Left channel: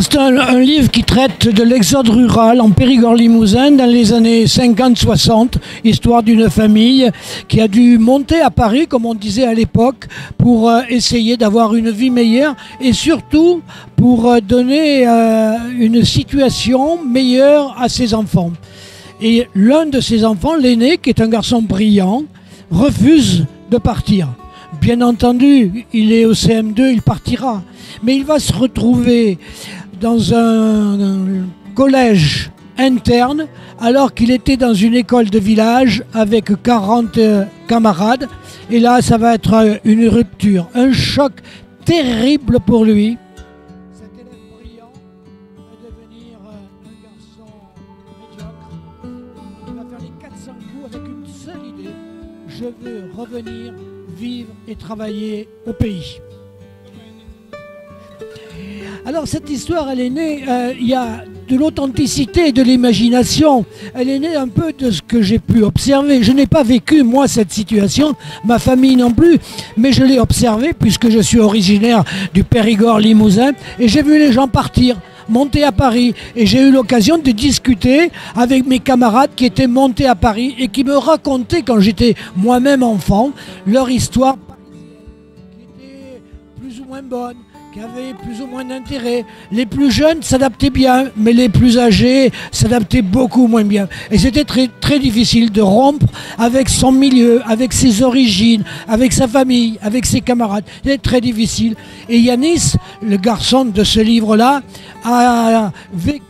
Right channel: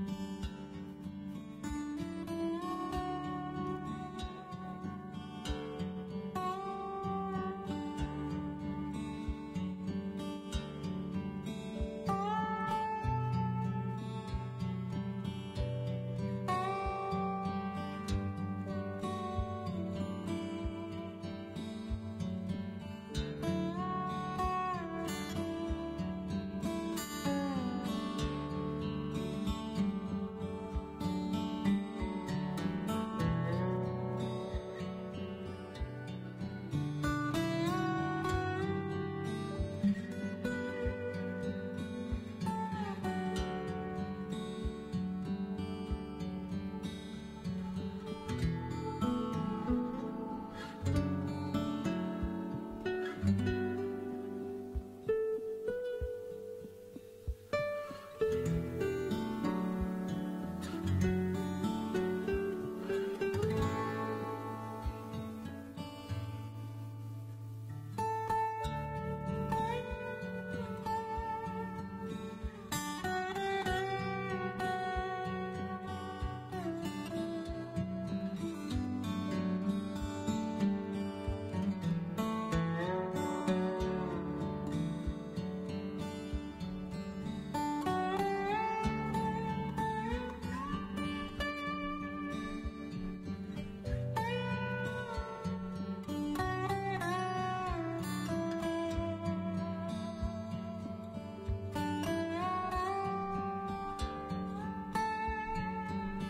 C'est un livre qui traite de l'exode rural en Périgord-Limousin dans les années 50-60, histoire d'une famille qui a dû monter à Paris, comme on disait à l'époque, pour essayer d'avoir une vie meilleure et surtout pour donner une situation meilleure à ses enfants. Et l'un de ses enfants, l'aîné, qui est un garçon brillant, refuse de partir. Bien entendu, il est au CM2, il partira. Mais il va se retrouver dans un collège interne alors qu'il était dans une école de village avec 40 camarades. Et là, ça va être une rupture, un choc terrible pour lui. Cet élève brillant va devenir un garçon médiocre. Il va faire les 400 coups avec une seule idée. Je veux revenir, vivre et travailler au pays. Alors cette histoire, elle est née, il y a de l'authenticité et de l'imagination. Elle est née un peu de ce que j'ai pu observer. Je n'ai pas vécu, moi, cette situation, ma famille non plus, mais je l'ai observée puisque je suis originaire du Périgord-Limousin et j'ai vu les gens partir, monter à Paris. Et j'ai eu l'occasion de discuter avec mes camarades qui étaient montés à Paris et qui me racontaient, quand j'étais moi-même enfant, leur histoire qui était plus ou moins bonne, qui avait plus ou moins d'intérêt. Les plus jeunes s'adaptaient bien, mais les plus âgés s'adaptaient beaucoup moins bien. Et c'était très, très difficile de rompre avec son milieu, avec ses origines, avec sa famille, avec ses camarades. C'était très difficile. Et Yanis, le garçon de ce livre-là, a vécu